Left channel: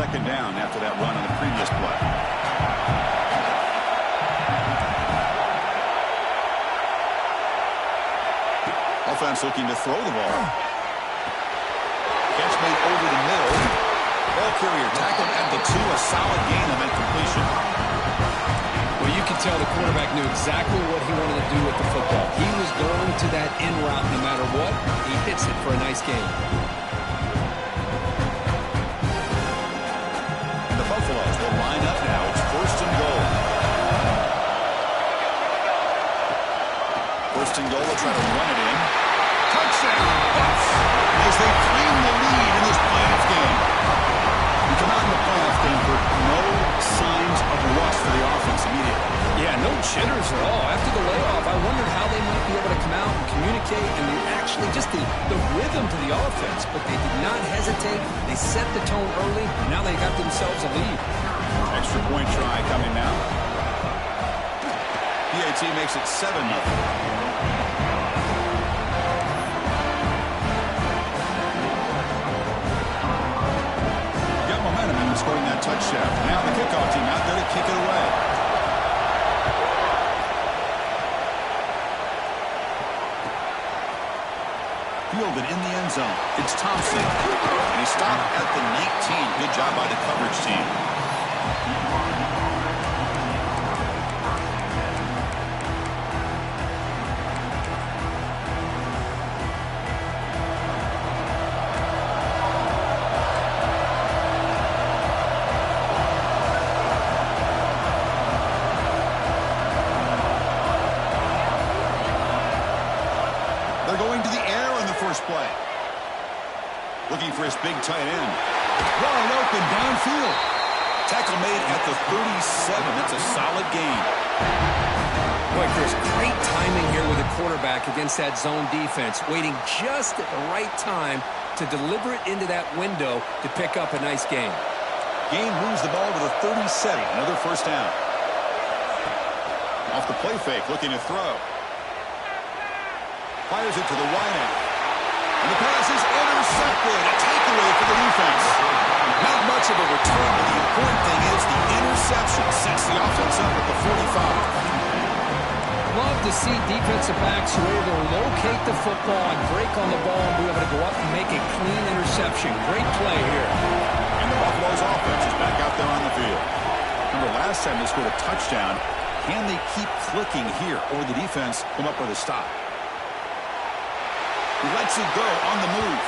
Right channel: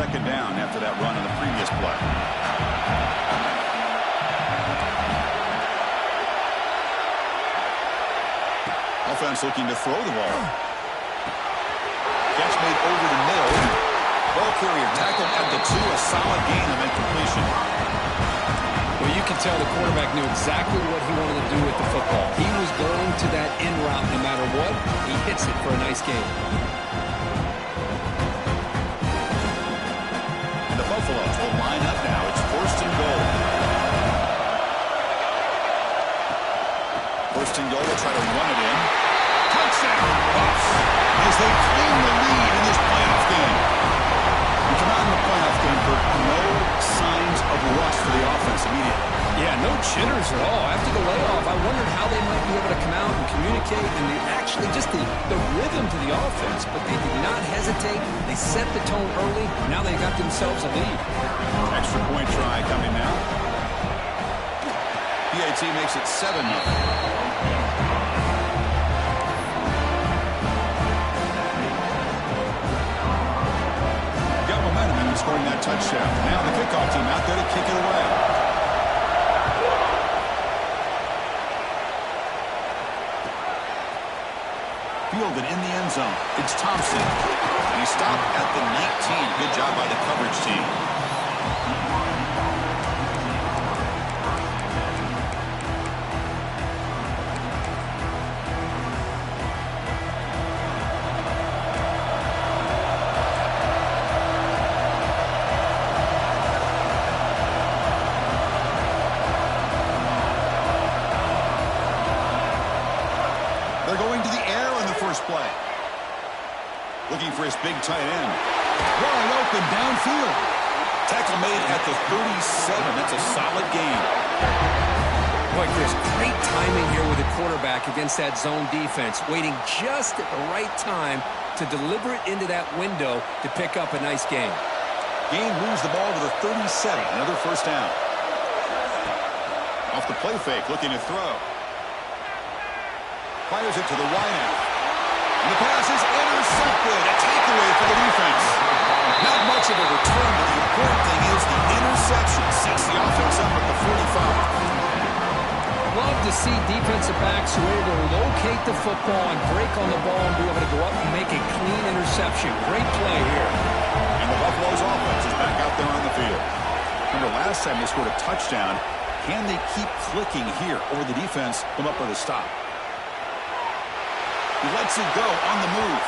second down after that run on the previous play. Offense looking to throw the ball. Catch made over the middle. Ball carrier tackled at the 2. A solid gain on that completion. Well, you can tell the quarterback knew exactly what he wanted to do with the football. He was going to that in route no matter what. He hits it for a nice gain. And the Buffaloes will line up now. It's 1st and goal. 1st and goal. They'll try to run it in. Touchdown, Buffs, as they claim the lead in this playoff game. We come out in the playoff game for no signs of rust for the offense immediately. Yeah, no jitters at all. After the layoff, I wondered how they might be able to come out and communicate and actually just the rhythm to the offense. But they did not hesitate. They set the tone early. Now they got themselves a lead. Extra point try coming now. PAT makes it 7-0. Momentum in scoring that touchdown. Now the kickoff team out there to kick it away. Fielded in the end zone. It's Thompson. And he stopped at the 19. Good job by the coverage team. Play. Looking for his big tight end. Wide open downfield. Tackle made at the 37. That's a solid gain. Boy, Chris, great timing here with the quarterback against that zone defense. Waiting just at the right time to deliver it into that window to pick up a nice gain. Gain moves the ball to the 37. Another 1st down. Off the play fake, looking to throw. Fires it to the wideout. And the pass is intercepted. A takeaway for the defense. Not much of a return, but the important thing is the interception sets the offense up at the 45. Love to see defensive backs who are able to locate the football and break on the ball and be able to go up and make a clean interception. Great play here. And the Buffalo's offense is back out there on the field. Remember, last time they scored a touchdown. Can they keep clicking here, or the defense come up with a stop? He lets it go on the move.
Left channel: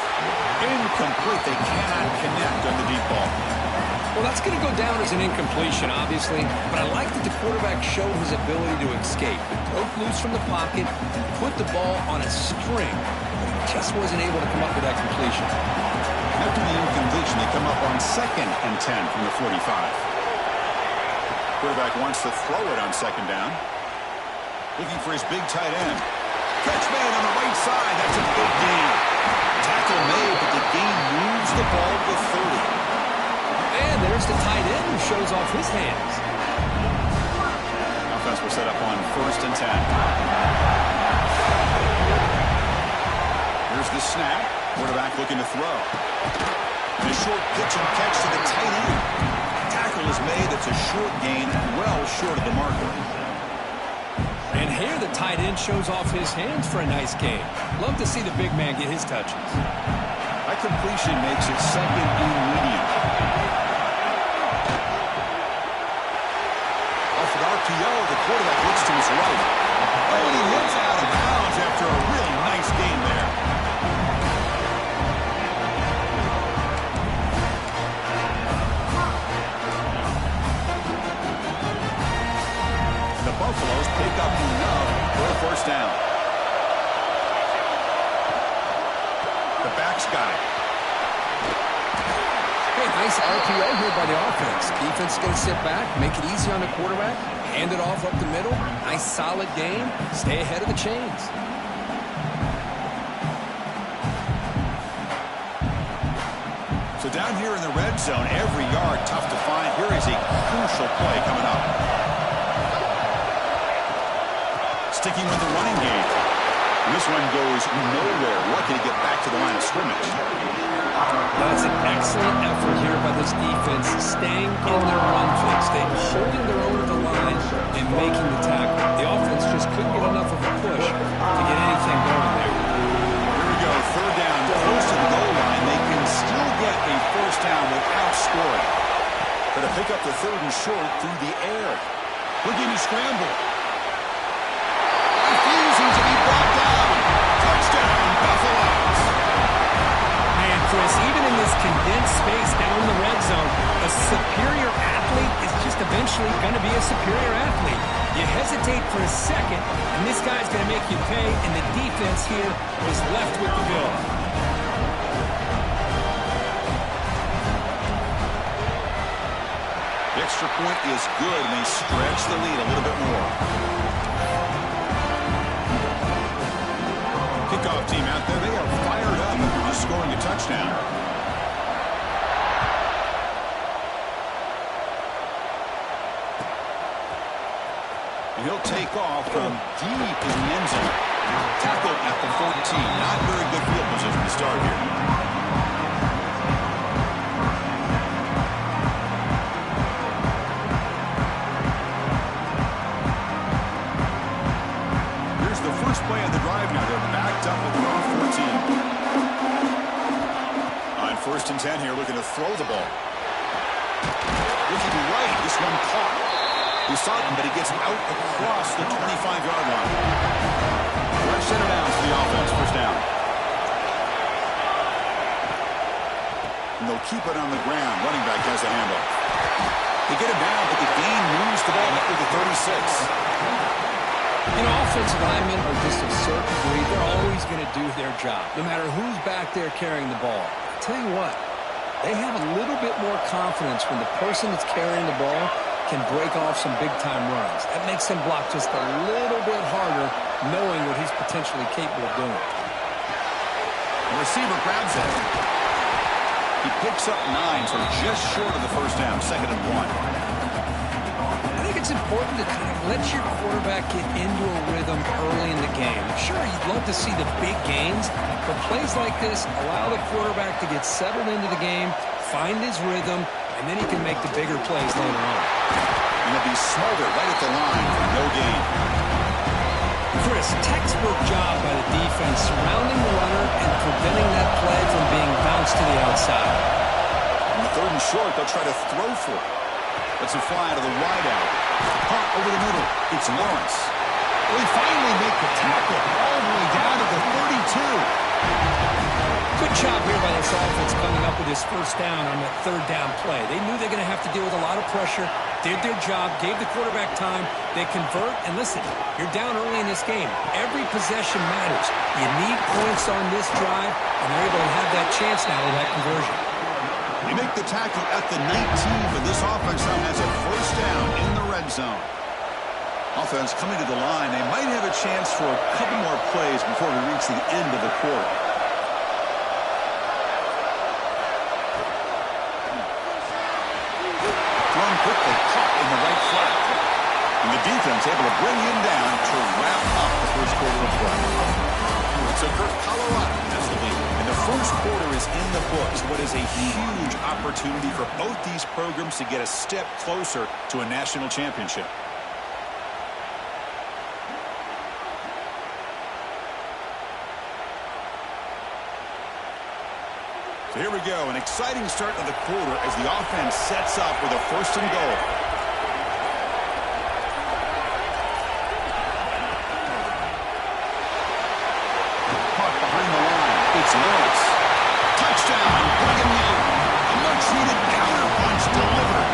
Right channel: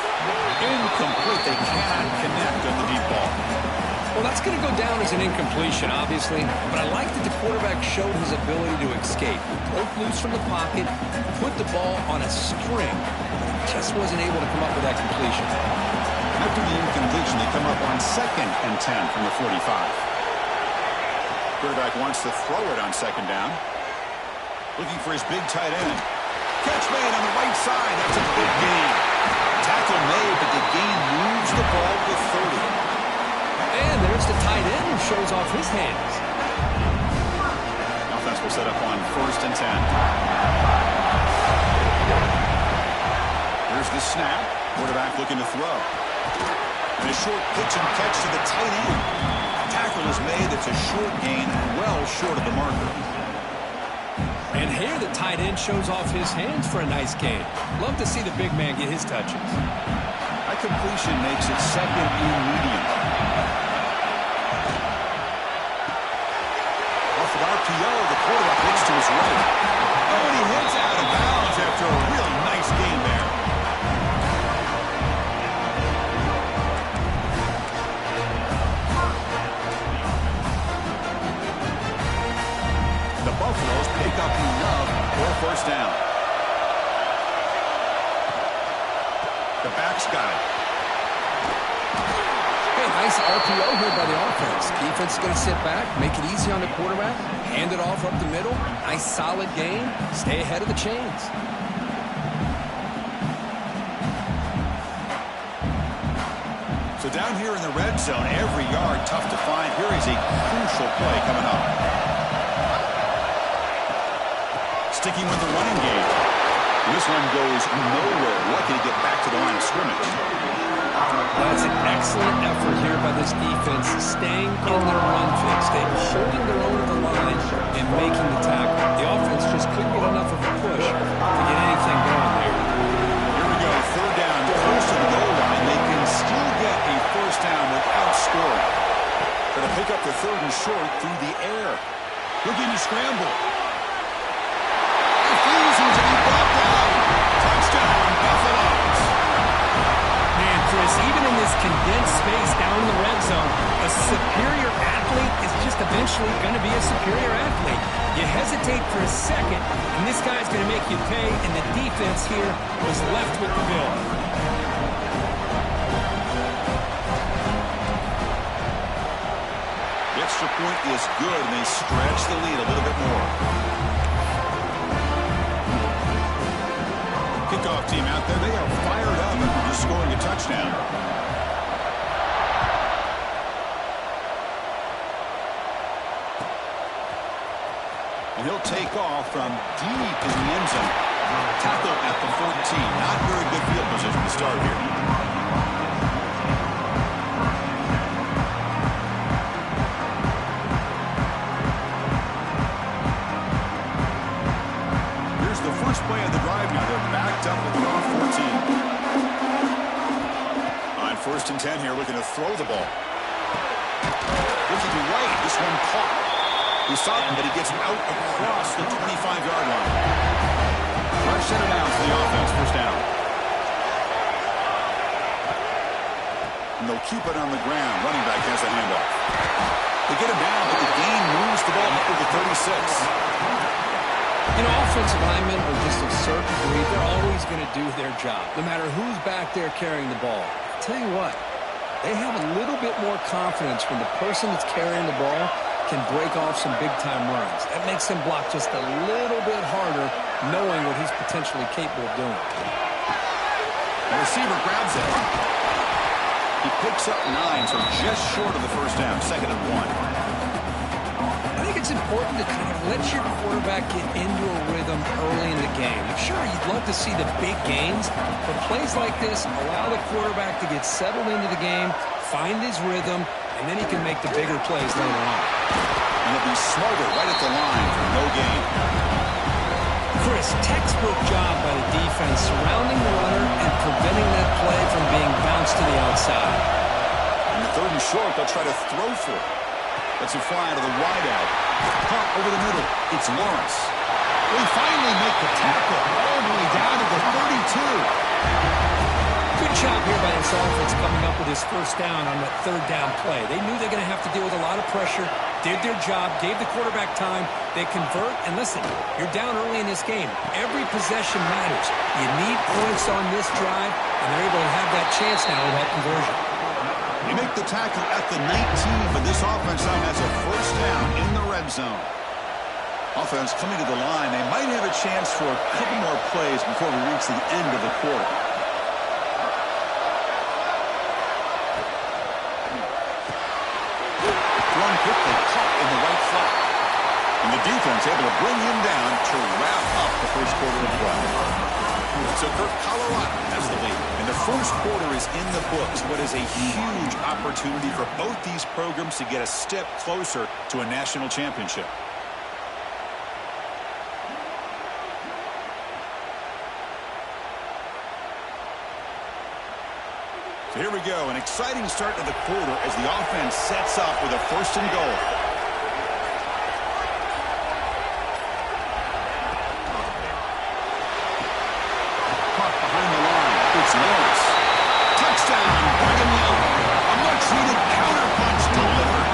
Incomplete. They cannot connect on the deep ball. Well, that's going to go down as an incompletion, obviously. But I like that the quarterback showed his ability to escape. He broke loose from the pocket, put the ball on a string, but he just wasn't able to come up with that completion. After the incompletion, they come up on 2nd and 10 from the 45. Quarterback wants to throw it on 2nd down. Looking for his big tight end. Catch made on the right side. That's a big gain. Tackle made, but the gain moves the ball to 30. And there's the tight end who shows off his hands. Offense will set up on 1st and 10. Here's the snap. Quarterback looking to throw. And a short pitch and catch to the tight end. Tackle is made. It's a short gain, well short of the marker. And here the tight end shows off his hands for a nice gain. Love to see the big man get his touches. That completion makes it 2nd and medium. Off an RPO, the quarterback looks to his right. Oh, and he hits out of bounds after a really nice gain there. The Buffaloes pick up enough for a 1st down. The back's got it. Hey, nice RPO here by the offense. Defense is going to sit back, make it easy on the quarterback, hand it off up the middle. Nice solid gain. Stay ahead of the chains. So down here in the red zone, every yard tough to find. Here is a crucial play coming up. Sticking with the running game. This one goes nowhere. Lucky to get back to the line of scrimmage. That's an excellent effort here by this defense, staying in their run fix. They're holding their own at the line and making the tackle. The offense just couldn't get enough of a push to get anything going there. Here we go, third down, close to the goal line. They can still get a first down without scoring. Going to pick up the third and short through the air. Looking to scramble. Refusing to be brought down. Touchdown, Buffaloes. Man, Chris, even in this condensed space down in the red zone, a superior athlete is just eventually going to be a superior athlete. You hesitate for a second, and this guy's going to make you pay, and the defense here was left with the bill. The extra point is good, and they stretch the lead a little bit more. Kickoff team out there, they are fired up after just scoring a touchdown. And he'll take off from deep in the end zone. Tackle at the 14. Not very good field position to start here. Play on the drive now. They're backed up at their own 14. On 1st and 10 here, looking to throw the ball. Looking to right. This one caught. We saw him, but he gets out across the 25-yard line. Fresh center down for the offense. First down. And they'll keep it on the ground. Running back has the handoff. They get him down, but the gain moves the ball up to the 36. You know, offensive linemen are just a certain breed. They're always going to do their job, no matter who's back there carrying the ball. I'll tell you what, they have a little bit more confidence when the person that's carrying the ball can break off some big-time runs. That makes them block just a little bit harder, knowing what he's potentially capable of doing. The receiver grabs it. He picks up 9, so just short of the first down, 2nd and 1. I think it's important to kind of let your quarterback get into a rhythm early in the game. Sure, you'd love to see the big gains, but plays like this allow the quarterback to get settled into the game, find his rhythm, and then he can make the bigger plays later on. And he'll be smarter right at the line for no gain. Chris, textbook job by the defense surrounding the runner and preventing that play from being bounced to the outside. On the 3rd and short, they'll try to throw for it. Let's it fly to the wideout. Punt over the middle. It's Lawrence. We finally make the tackle all the way down to the 32. Good job here by this offense coming up with his first down on that 3rd down play. They knew they're going to have to deal with a lot of pressure, did their job, gave the quarterback time. They convert, and listen, you're down early in this game. Every possession matters. You need points on this drive, and they're able to have that chance now with that conversion. They make the tackle at the 19, but this offense now has a first down in the red zone. Offense coming to the line. They might have a chance for a couple more plays before we reach the end of the quarter. Thrown quickly, caught in the right flat. And the defense able to bring him down to wrap up the first quarter of play. So Kirk, Colorado has the lead. And the first quarter is in the books. What is a huge opportunity for both these programs to get a step closer to a national championship. So here we go. An exciting start to the quarter as the offense sets up with a 1st and goal. Behind the line, it's Lawrence. Touchdown, Brigham Young. A much-needed counterpunch delivered.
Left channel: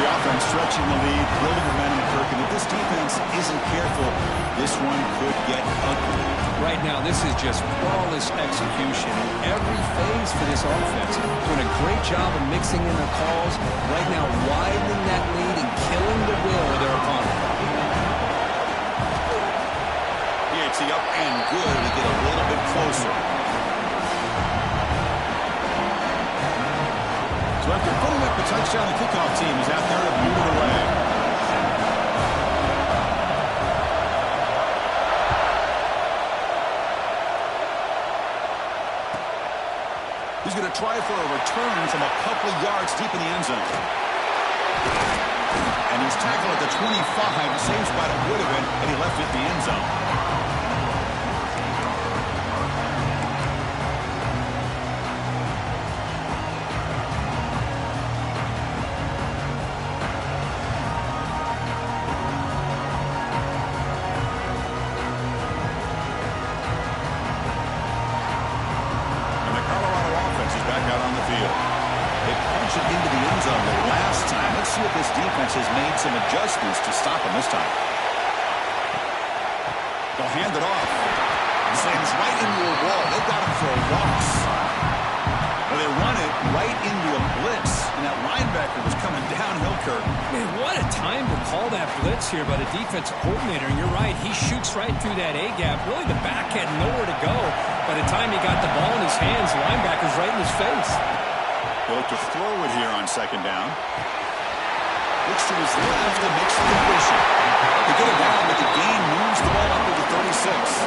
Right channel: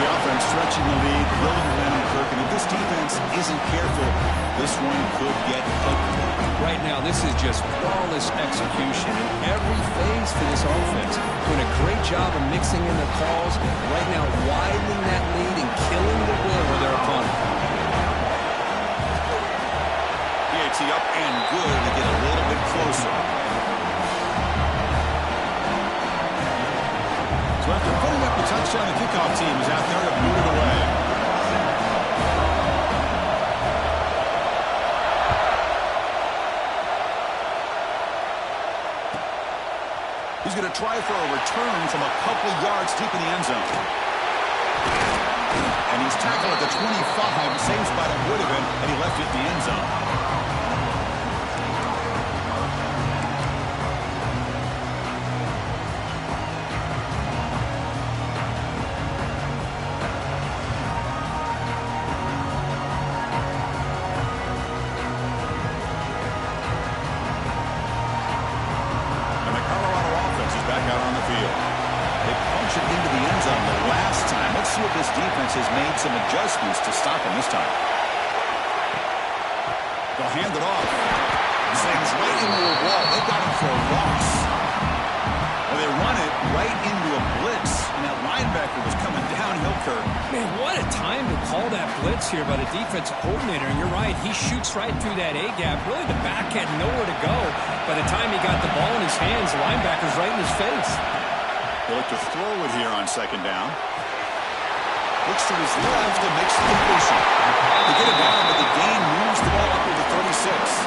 The offense stretching the lead, building momentum, Kirk. And if this defense isn't careful, this one could get ugly. Right now, this is just flawless execution in every phase for this offense. Doing a great job of mixing in their calls. Right now, widening that lead and killing the will of their opponent. It's the up and good to get a little bit closer. So after putting up the touchdown, the kickoff team is out there to boot it away. He's going to try for a return from a couple of yards deep in the end zone. And he's tackled at the 25. Same spot it would have been, and he left it in the end zone. Into the end zone the last time. Let's see if this defense has made some adjustments to stop him this time. They'll hand it off. Slams right into a wall. They got him for a loss. Well, they run it right into a blitz, and that linebacker was coming downhill, Kirk. Man, what a time to call that blitz here by the defensive coordinator. And you're right, he shoots right through that A-gap. Really, the back had nowhere to go. By the time he got the ball in his hands, the linebacker's right in his face. He'll look to throw it here on second down. Looks to his left and makes the completion. They get it down, but the gain moves the ball up to the 36.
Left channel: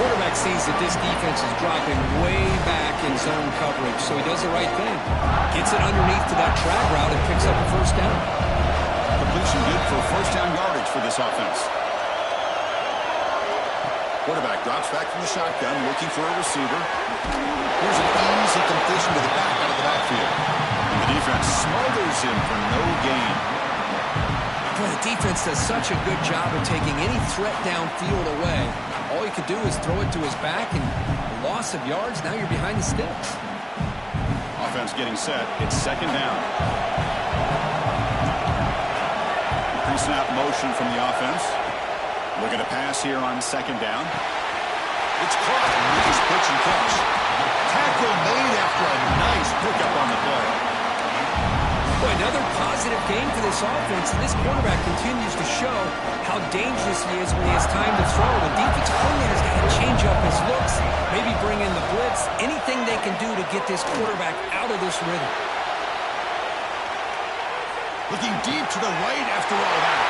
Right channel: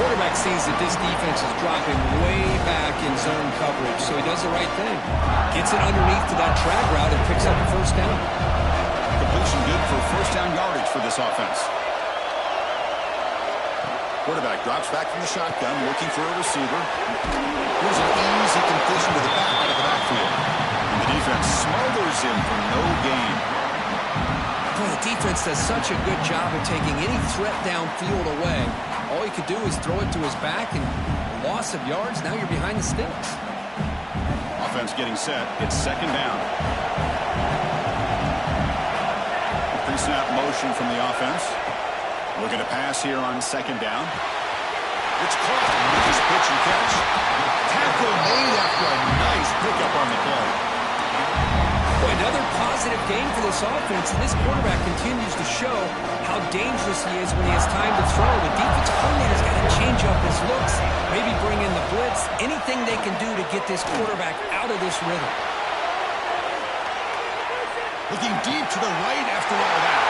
Quarterback sees that this defense is dropping way back in zone coverage, so he does the right thing. Gets it underneath to that drag route and picks up a first down. Completion good for first down yardage for this offense. Quarterback drops back from the shotgun, looking for a receiver. Here's an easy completion to the back out of the backfield. And the defense smothers him for no gain. Boy, the defense does such a good job of taking any threat downfield away. All you could do is throw it to his back, and a loss of yards, now you're behind the sticks. Offense getting set. It's second down. Pre-snap motion from the offense. Looking to pass here on second down. It's caught. Nice pitch and catch. Tackle made after a nice pickup on the play. Boy, another positive game for this offense, and this quarterback continues to show how dangerous he is when he has time to throw. The defensive coordinator's got to change up his looks, maybe bring in the blitz, anything they can do to get this quarterback out of this rhythm. Looking deep to the right after all that.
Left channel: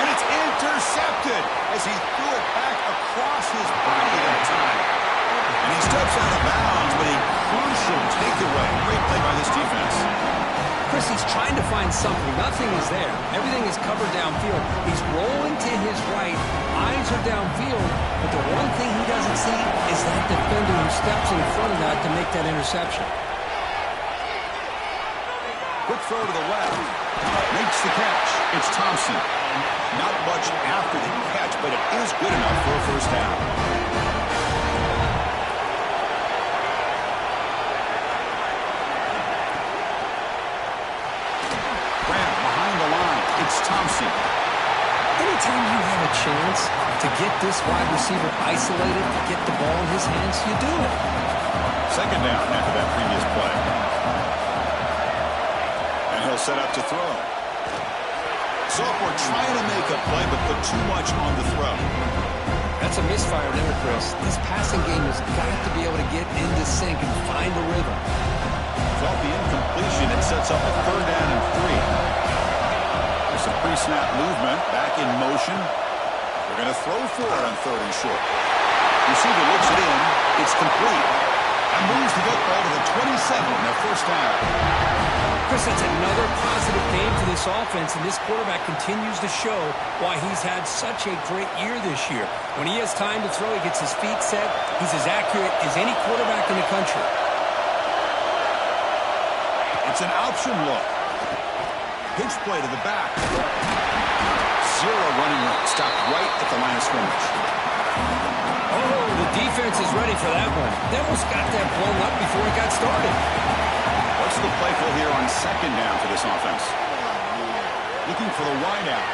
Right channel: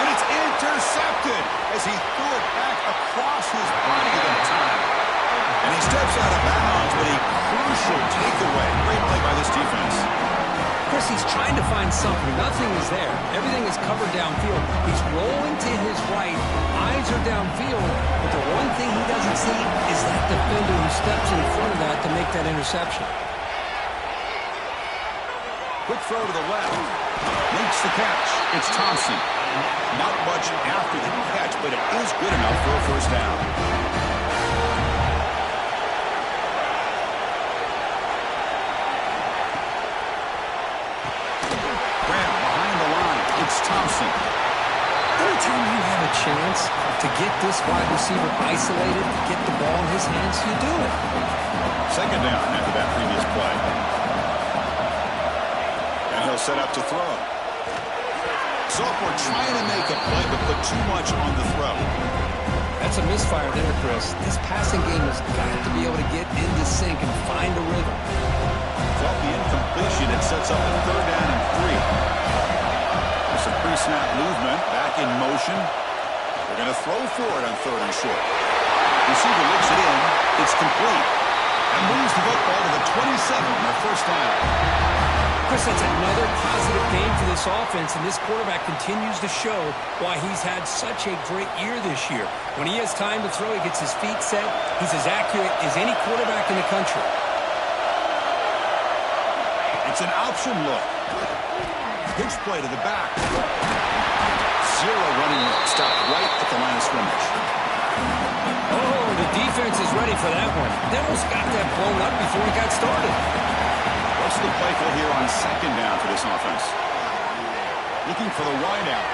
And it's intercepted as he threw it back across his body that time. And he steps out of bounds, but a crucial takeaway. Great play by this defense. Chris, he's trying to find something. Nothing is there. Everything is covered downfield. He's rolling to his right. Eyes are downfield. But the one thing he doesn't see is that defender who steps in front of that to make that interception. Quick throw to the left. Makes the catch. It's Thompson. Not much after the catch, but it is good enough for a first down. Graham behind the line. It's Thompson. Anytime you have a chance to get this wide receiver isolated, to get the ball in his hands, you do it. Second down after that previous play. And he'll set up to throw. Sophomore trying to make a play, but put too much on the throw. That's a misfire there, Chris. This passing game has got to be able to get into sync and find a rhythm. Off the incompletion, it sets up a third down and 3. There's some pre-snap movement, back in motion. They're going to throw for it on third and short. Receiver looks it in. It's complete. And moves the football to the 27 and a first down. Chris, that's another positive game for this offense, and this quarterback continues to show why he's had such a great year this year. When he has time to throw, he gets his feet set. He's as accurate as any quarterback in the country. It's an option look. Pitch play to the back. Zero running room. Stopped right at the line of scrimmage. Oh, the defense is ready for that one. They almost got that blown up before it got started. What's the play call here on second down for this offense? Looking for the wideout.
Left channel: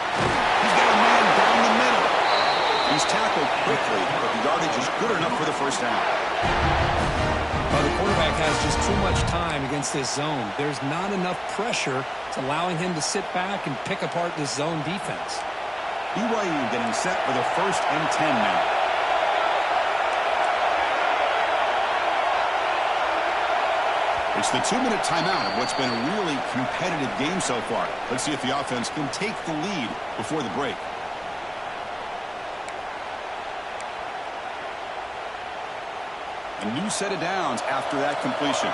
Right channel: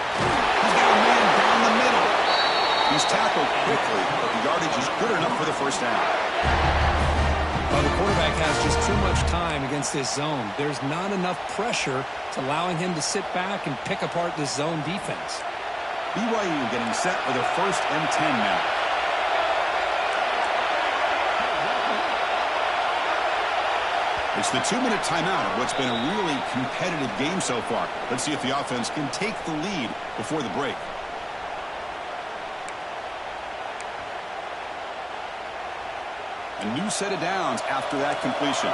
He's got a man down the middle. He's tackled quickly, but the yardage is good enough for the first down. Well, the quarterback has just too much time against this zone. There's not enough pressure. It's allowing him to sit back and pick apart this zone defense. BYU getting set for the 1st and 10 now. It's the 2-minute timeout of what's been a really competitive game so far. Let's see if the offense can take the lead before the break. A new set of downs after that completion.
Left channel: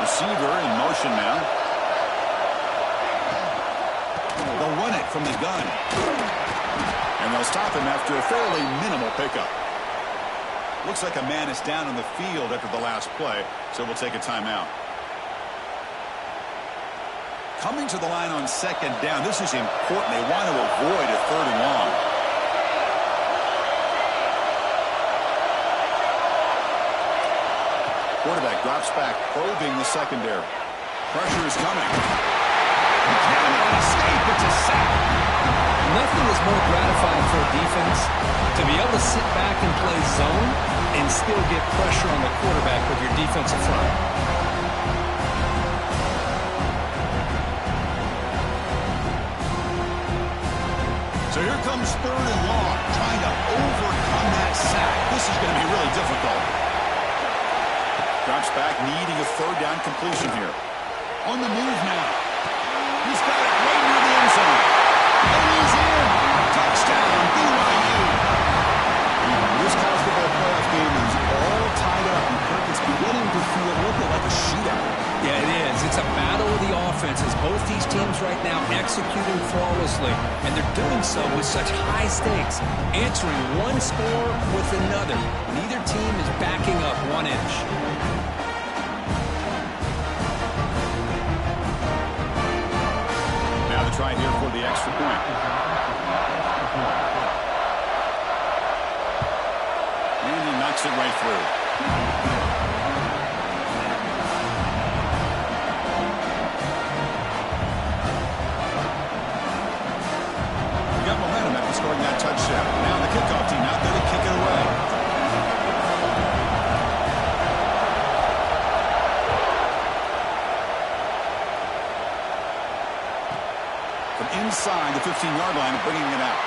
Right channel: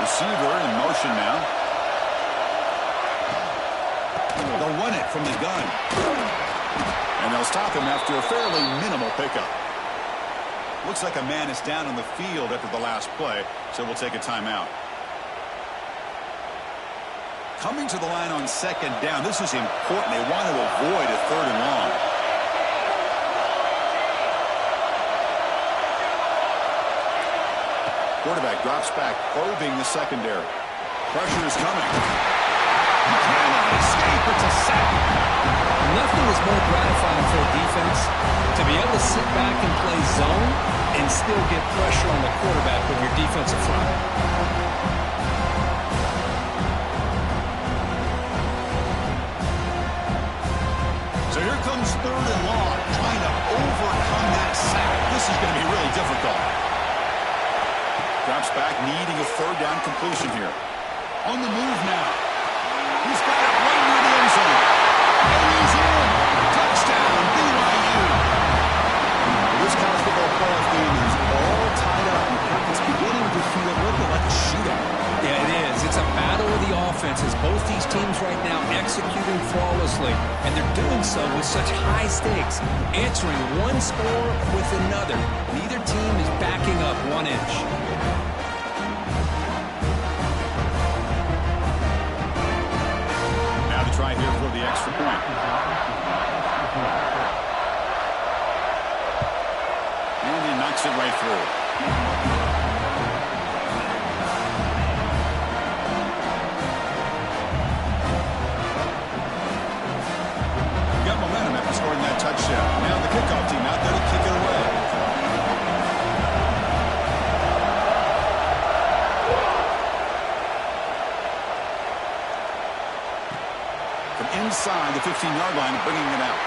Receiver in motion now. They'll run it from the gun. And they'll stop him after a fairly minimal pickup. Looks like a man is down on the field after the last play, so we'll take a timeout. Coming to the line on second down, this is important. They want to avoid a 3rd and long. Quarterback drops back, probing the secondary. Pressure is coming. He cannot escape. It's a sack. Nothing is more gratifying for a defense to be able to sit back and play zone and still get pressure on the quarterback with your defensive front. So here comes 3rd and long, trying to overcome that sack. This is going to be really difficult. Drops back, needing a 3rd down completion here. On the move now. He's got it right near the end zone. And he's in. Touchdown, BYU. This college football playoff game is all tied up, and Kirk, it's beginning to feel a little bit like a shootout. Yeah, it is. It's a battle of the offenses. Both these teams right now executing flawlessly, and they're doing so with such high stakes, answering one score with another. Neither team is backing up 1 inch. Now to try here for the extra point. And he knocks it right through. Got momentum after scoring that touchdown. Now the kickoff team out there to kick it away. From inside the 15-yard line, bringing it out.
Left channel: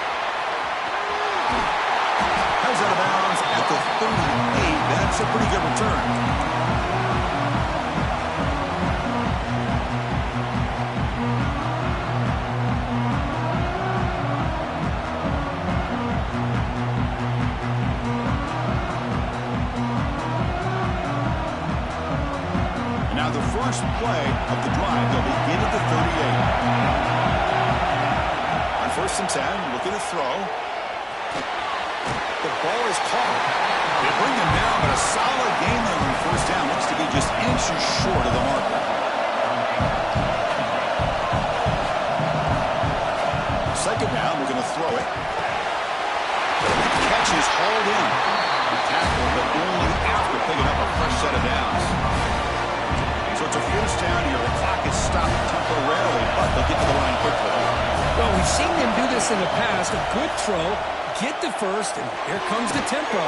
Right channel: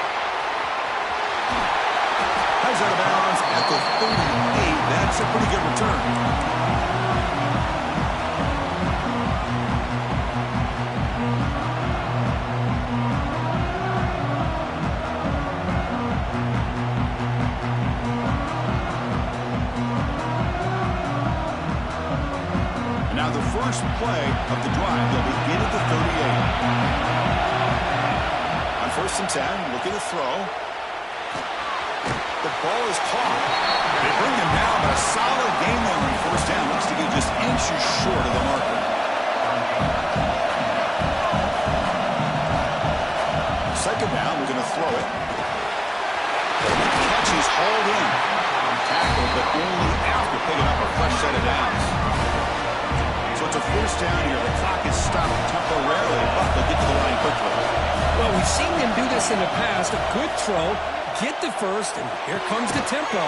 Has out of bounds at the 38. That's a pretty good return. Now the first play of the drive, they'll begin at the 38. On 1st and 10, looking to throw. The ball is caught. They bring him down, but a solid game there on 1st down. Looks to be just inches short of the marker. Second down, we're going to throw it. The catch is hauled in. Tackled, but only after picking up a fresh set of downs. So it's a 1st down here. The clock is stopped temporarily, but they'll get to the line quickly. Well, we've seen them do this in the past. A good throw, get the first, and here comes the tempo.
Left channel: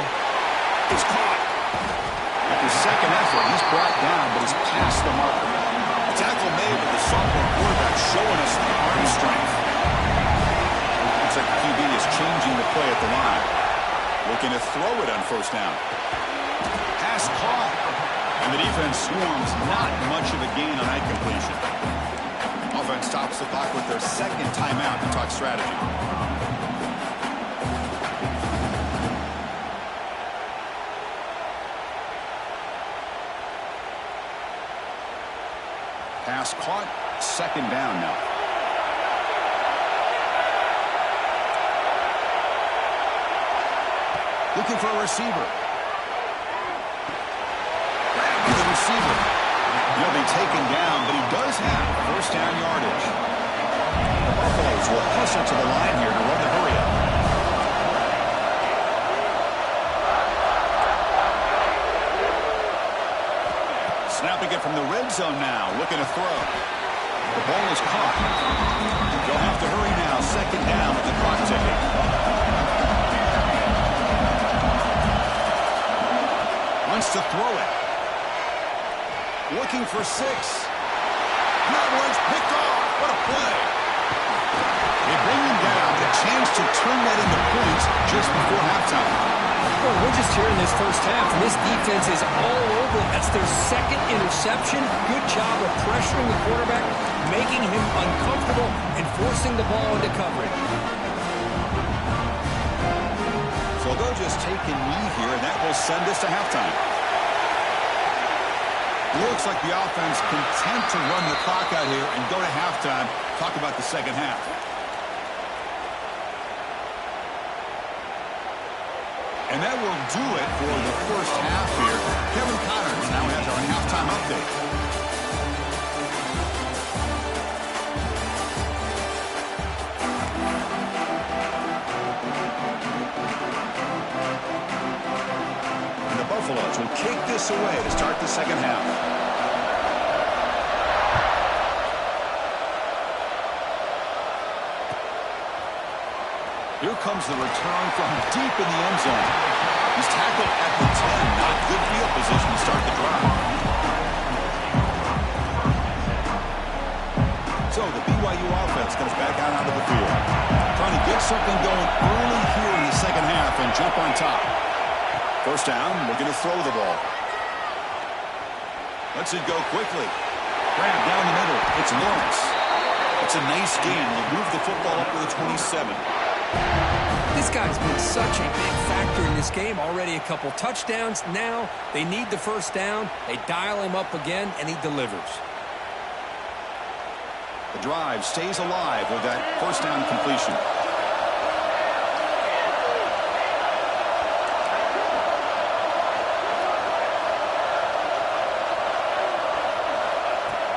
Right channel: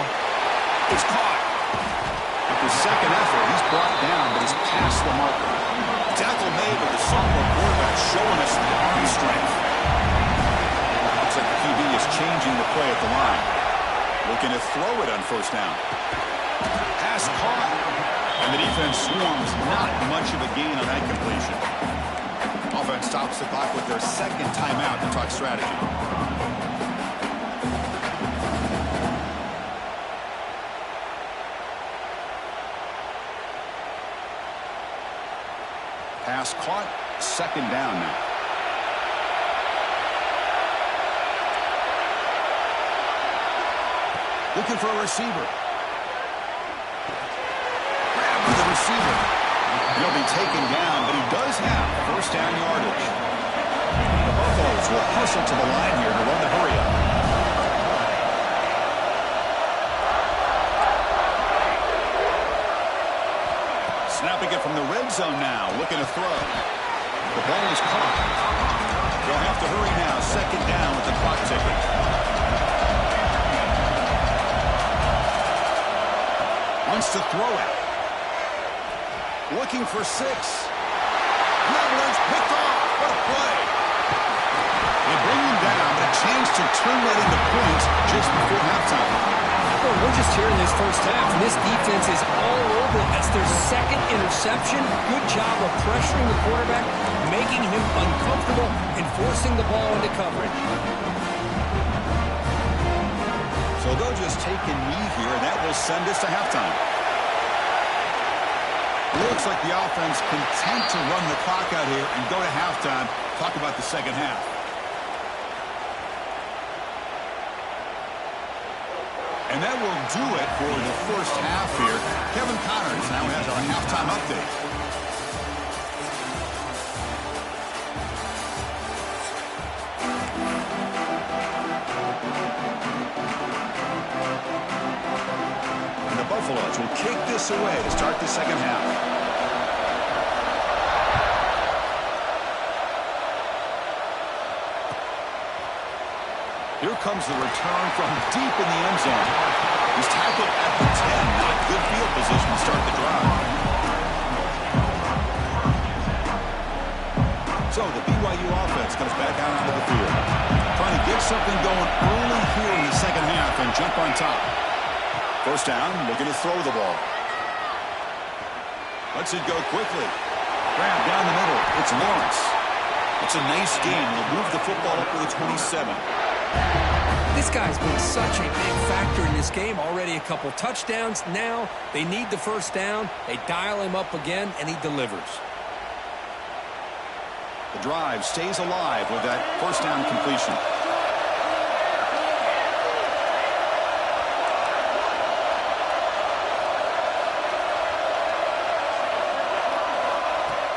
It's caught. After second effort, he's brought down, but he's past the marker. The tackle made with the sophomore quarterback showing us the arm strength. Looks like the QB is changing the play at the line. Looking to throw it on 1st down. Pass caught. And the defense swarms, not much of a gain on that completion. Offense stops the clock with their 2nd timeout to talk strategy. Pass caught, 2nd down now. Looking for a receiver. Receiver. He'll be taken down, but he does have 1st down yardage. The Buffaloes will hustle to the line here to run the hurry up. Snapping it from the red zone now, looking to throw. The ball is caught. They'll have to hurry now, 2nd down with the clock ticking. Wants to throw it. Looking for 6. That one's picked off. What a play. They bring him down, but a chance to turn that into points just before halftime. Well, we're just here in this 1st half, and this defense is all over. That's their 2nd interception. Good job of pressuring the quarterback, making him uncomfortable, and forcing the ball into coverage. So So they'll just take a knee here, and that will send us to halftime. Looks like the offense content to run the clock out here and go to halftime. Talk about the second half. And that will do it for the first half here. Kevin Connors now has our halftime update. And the Buffaloes will kick this away to start the second half. Here comes the return from deep in the end zone. He's tackled at the 10. Not good field position to start the drive. So the BYU offense comes back out onto the field. Trying to get something going early here in the second half and jump on top. First down, looking to throw the ball. Lets it go quickly. Grab down the middle. It's Lawrence. It's a nice gain. They'll move the football up to the 27. This guy's been such a big factor in this game. Already a couple touchdowns. Now they need the first down. They dial him up again, and he delivers. The drive stays alive with that first down completion.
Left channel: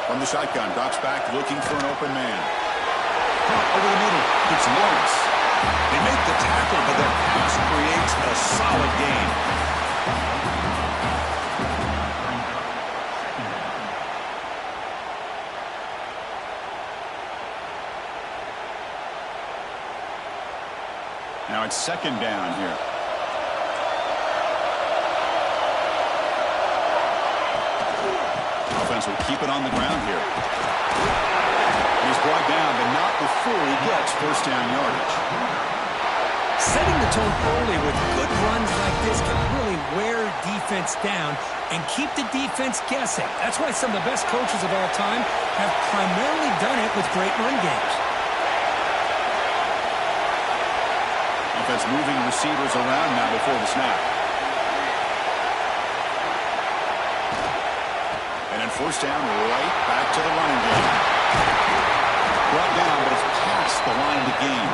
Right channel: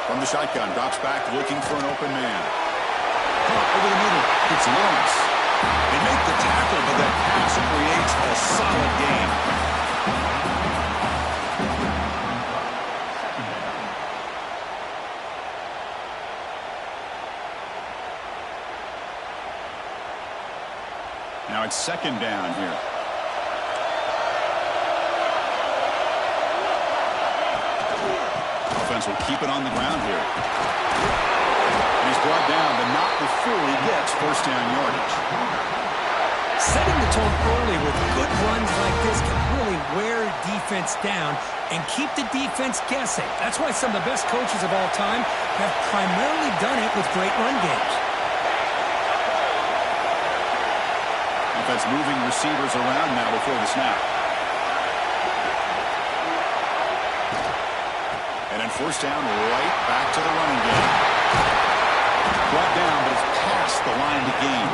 From the shotgun, drops back looking for an open man. Over the middle, it's Lawrence. They make the tackle, but that pass creates a solid gain. Now it's second down here. Offense will keep it on the ground here. And he's brought down, but not before he gets first down yardage. Setting the tone early with good runs like this can really wear defense down and keep the defense guessing. That's why some of the best coaches of all time have primarily done it with great run games. Offense moving receivers around now before the snap. And then first down, right back to the running game. Brought down, but it's past the line to gain.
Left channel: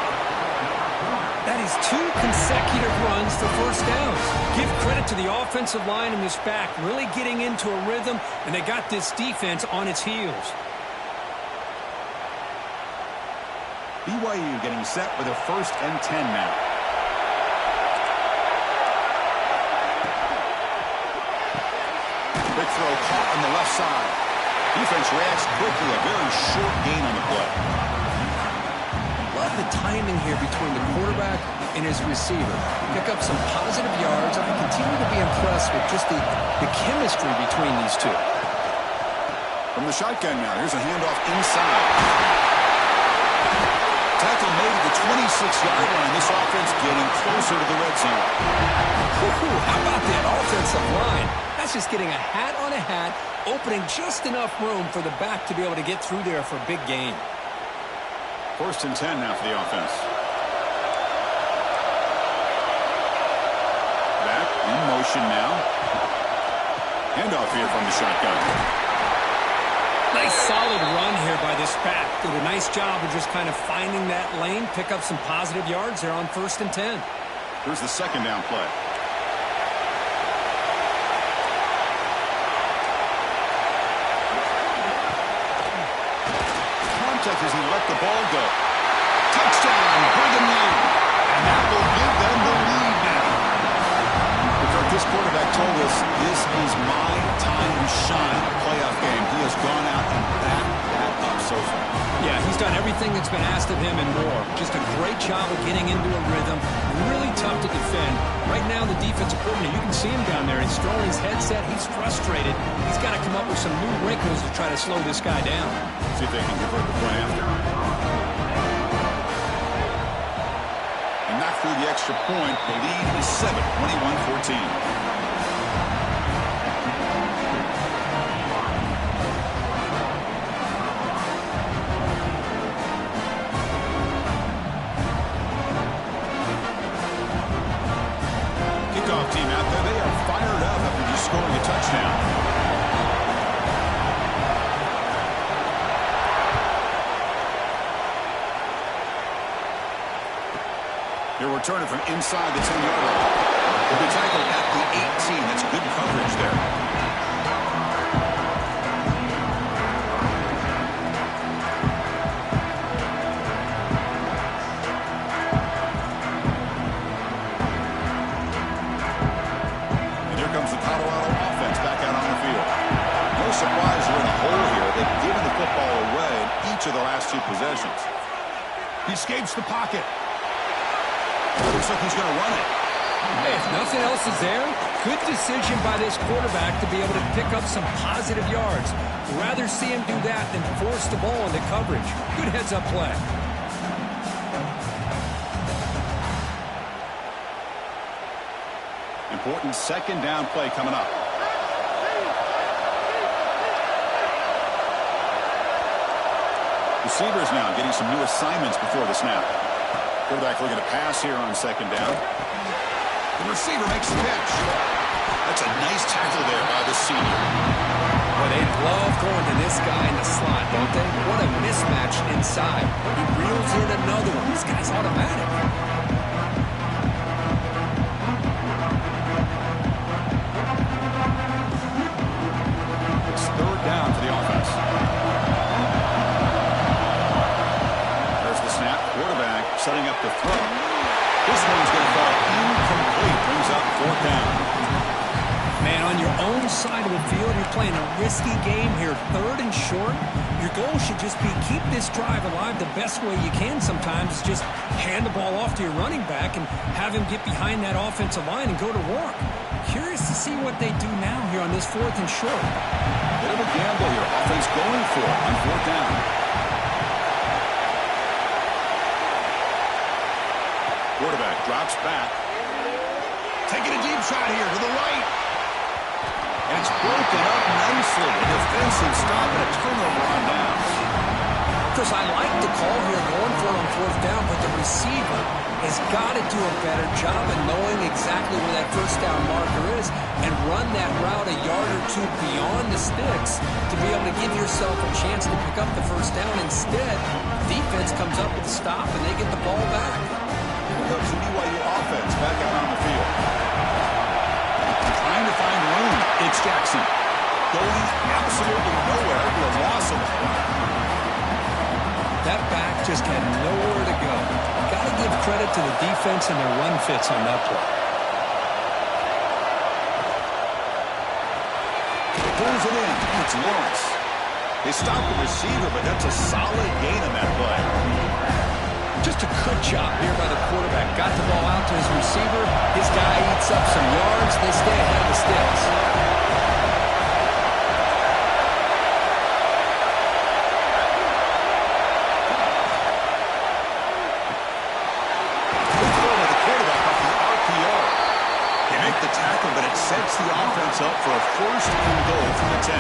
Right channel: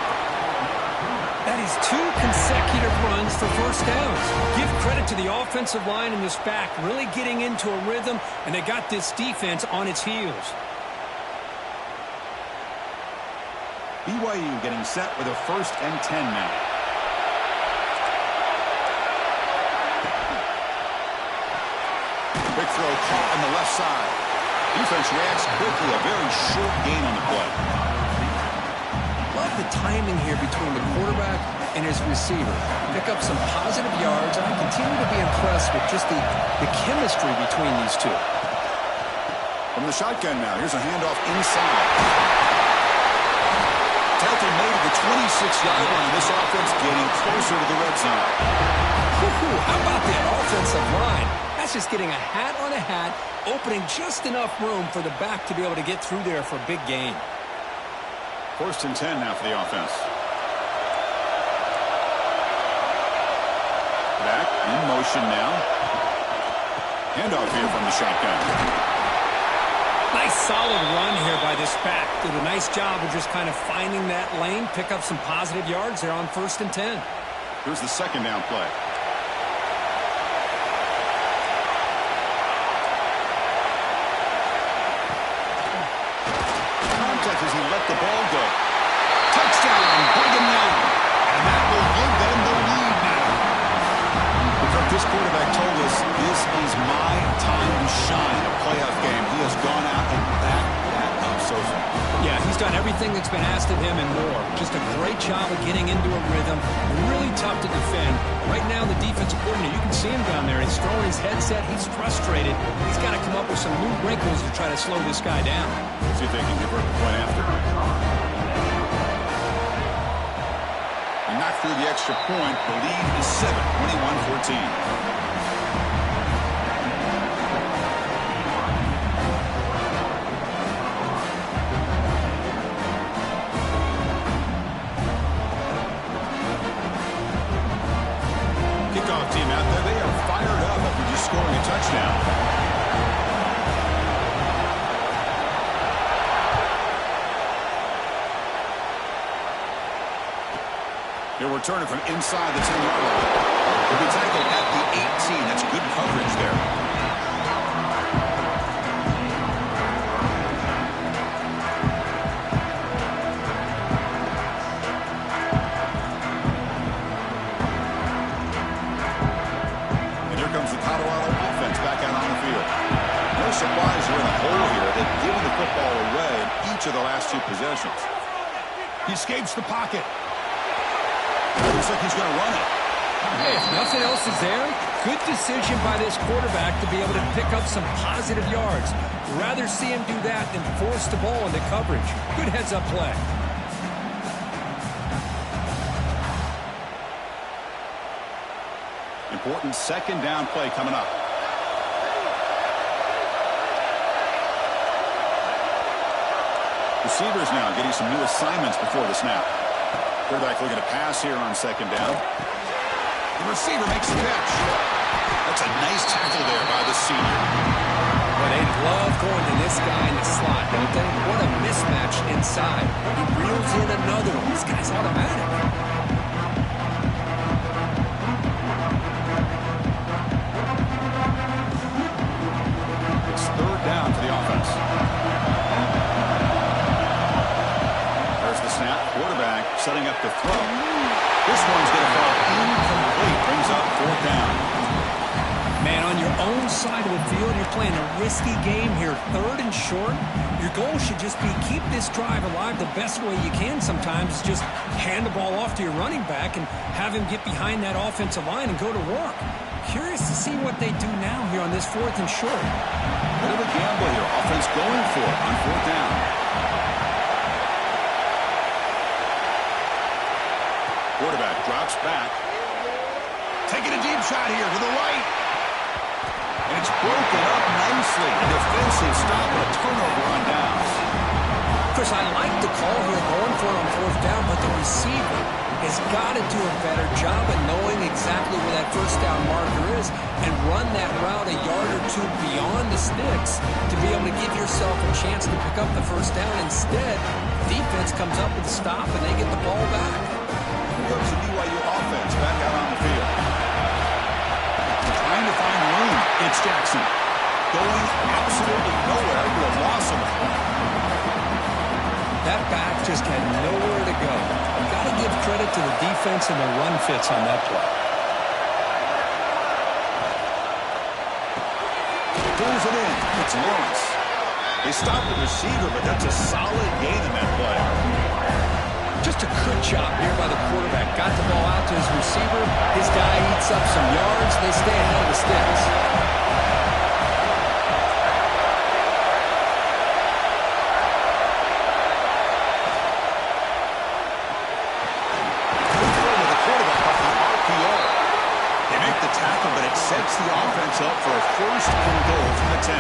That is 2 consecutive runs for first downs. Give credit to the offensive line in this back, really getting into a rhythm, and they got this defense on its heels. BYU getting set with a 1st and 10 now. Quick throw caught on the left side. Defense reacts quickly. A very short gain on the play. Love the timing here between the quarterback and his receiver. Pick up some positive yards, and I continue to be impressed with just the chemistry between these two. From the shotgun now, here's a handoff inside. Tackle made at the 26-yard line. This offense getting closer to the red zone. How about that offensive line? That's just getting a hat on a hat, opening just enough room for the back to be able to get through there for a big gain. 1st and 10 now for the offense. Back in motion now. Handoff here from the shotgun. Nice solid run here by this back. Did a nice job of just kind of finding that lane, pick up some positive yards there on 1st and 10. Here's the second down play. Contact as he let the ball go. Touchdown, Brigham Young. And that will give them the lead now. This quarterback told us this is my time to shine, a playoff game. He has gone out and backed that up so far. Yeah, he's done everything that's been asked of him and more. Just a great job of getting into a rhythm. Really tough to defend. Right now, the defensive coordinator, you can see him down there. He's throwing his headset. He's frustrated. He's got to come up with some new wrinkles to try to slow this guy down. See if they can convert the point after. And knock through the extra point. The lead is 7, 21-14. scoring a touchdown. He'll return it from inside the 10-yard line. He'll be tackled at the 18. That's good coverage there. And here comes the Colorado offense back out on the field. No surprise they're in a hole here. They've given the football away in each of the last two possessions. He escapes the pocket. Looks like he's going to run it. Hey, if nothing else is there, good decision by this quarterback to be able to pick up some positive yards. Rather see him do that than force the ball into coverage. Good heads-up play. Important second down play coming up. Receivers now getting some new assignments before the snap. Quarterback looking to pass here on second down. The receiver makes the catch. That's a nice tackle there by the senior. Well, they love going to this guy in the slot, don't they? What a mismatch inside. He reels in another one. This guy's automatic. It's third down for the offense. There's the snap. Quarterback setting up to throw. This one's going to fall incomplete. Brings up fourth down. Man, on your own side of the field, you're playing a risky game here. Third and short. Your goal should just be keep this drive alive the best way you can sometimes. Is just hand the ball off to your running back and have him get behind that offensive line and go to work. Curious to see what they do now here on this fourth and short. Bit of a gamble here. Offense going for it on fourth down. Quarterback drops back. Taking a deep shot here to the right. And it's broken up nicely. A defensive stop and a turnover on downs. Chris, I like the call here going for it on fourth down, but the receiver has got to do a better job of knowing exactly where that first down marker is and run that route a yard or two beyond the sticks to be able to give yourself a chance to pick up the first down. Instead, defense comes up with a stop and they get the ball back. Here comes the BYU offense back out on the field. Trying to find room. It's Jackson. Going absolutely nowhere with a loss on the play. That back just had nowhere to go. Got to give credit to the defense and their run fits on that play. Pulls it in. It's Lawrence. They stopped the receiver, but that's a solid gain in that play. Just a good job here by the quarterback. Got the ball out to his receiver. His guy eats up some yards. They stay ahead of the sticks. Good throw to the quarterback off the RPO. They make the tackle, but it sets the offense up for a first and goal from the 10.